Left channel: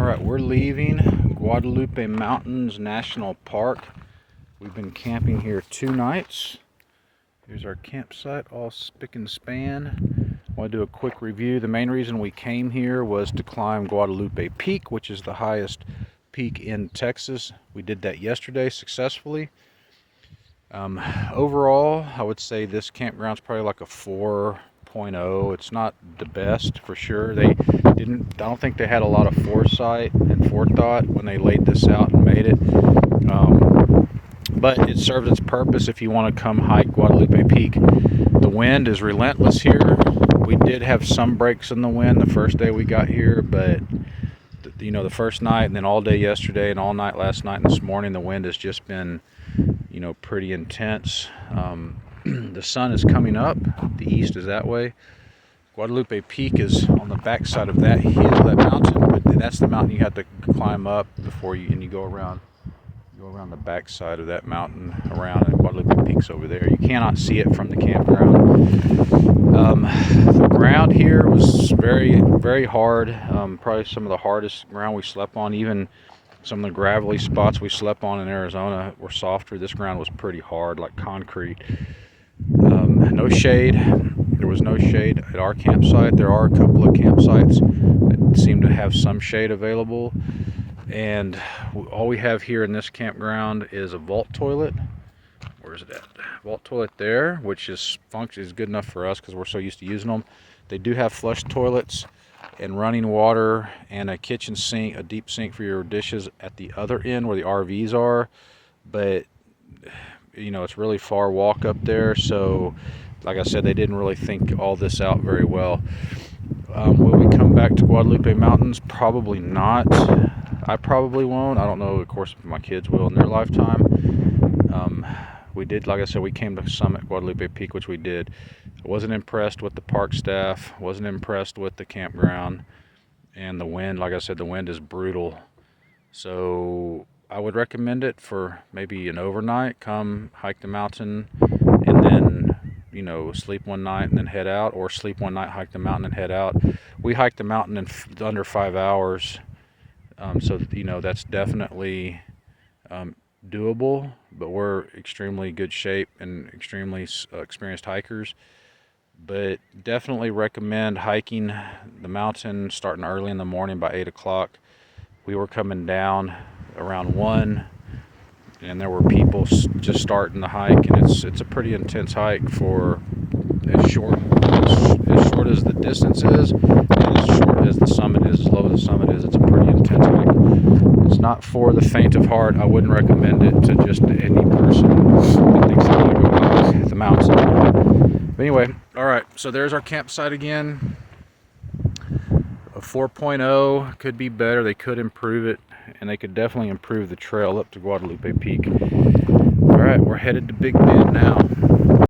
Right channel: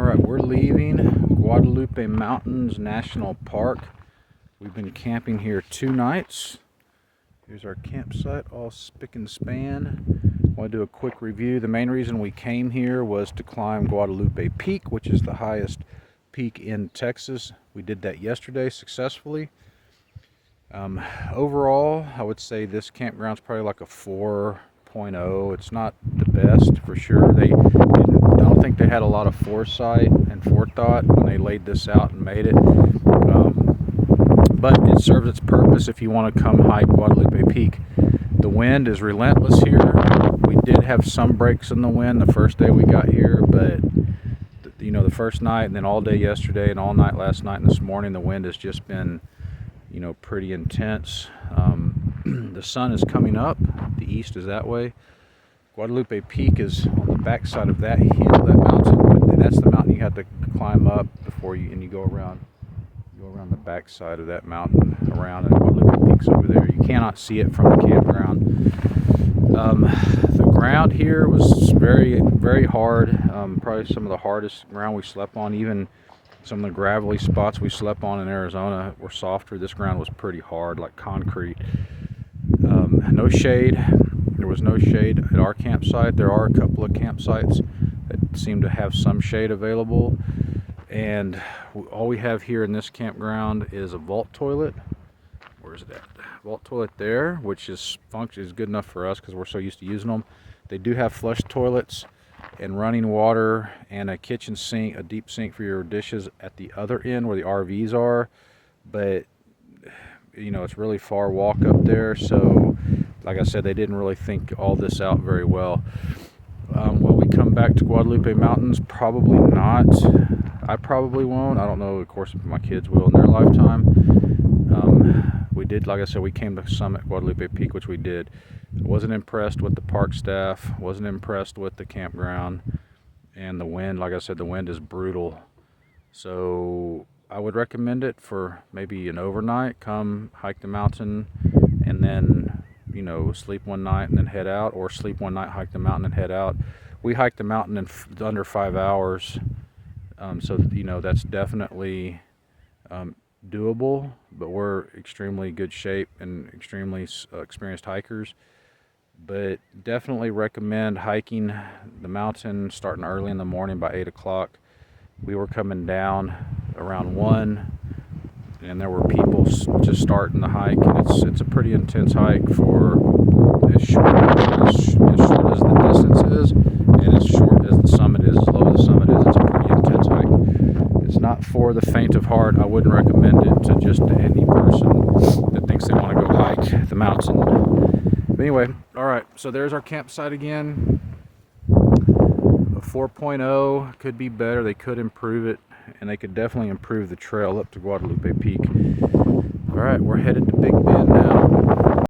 Alright, we're leaving Guadalupe Mountains National Park. We've been camping here 2 nights. Here's our campsite, all spick and span. I want to do a quick review. The main reason we came here was to climb Guadalupe Peak, which is the highest peak in Texas. We did that yesterday successfully. Overall, I would say this campground's probably like a 4.0. It's not the best for sure. I don't think they had a lot of foresight and forethought when they laid this out and made it. But it serves its purpose if you want to come hike Guadalupe Peak. The wind is relentless here. We did have some breaks in the wind the first day we got here, but the first night and then all day yesterday and all night last night and this morning, the wind has just been pretty intense. The sun is coming up. The east is that way. Guadalupe Peak is on the back side of that hill, that mountain, but that's the mountain you have to climb up before you go around the back side of that mountain around, and Guadalupe Peak's over there. You cannot see it from the campground. The ground here was very, very hard. Probably some of the hardest ground we slept on. Even some of the gravelly spots we slept on in Arizona were softer. This ground was pretty hard, like concrete. No shade. There was no shade at our campsite. There are a couple of campsites that seem to have some shade available. And all we have here in this campground is a vault toilet. Where's it at? Vault toilet there, which is good enough for us because we're so used to using them. They do have flush toilets and running water and a kitchen sink, a deep sink for your dishes at the other end where the RVs are. But it's really far walk up there, so like I said, they didn't really think all this out very well. Will we come back to Guadalupe Mountains? Probably not. I probably won't. I don't know, of course, if my kids will in their lifetime. We did, like I said, we came to summit Guadalupe Peak, which we did. Wasn't impressed with the park staff, wasn't impressed with the campground, and the wind, like I said, the wind is brutal. So I would recommend it for maybe an overnight. Come hike the mountain and then sleep one night and then head out, or sleep one night, hike the mountain and head out. We hiked the mountain in under 5 hours, so that's definitely doable, but we're extremely good shape and extremely experienced hikers. But definitely recommend hiking the mountain starting early in the morning by 8 o'clock. We were coming down around 1, and there were people just starting the hike, and it's a pretty intense hike for as short as the distance is, and as short as the summit is, as low as the summit is. It's a pretty intense hike. It's not for the faint of heart. I wouldn't recommend it to just any person that thinks they want to go hike the mountain. But anyway, all right, so there's our campsite again. A 4.0 could be better. They could improve it, and they could definitely improve the trail up to Guadalupe Peak. All right, we're headed to Big Bend now.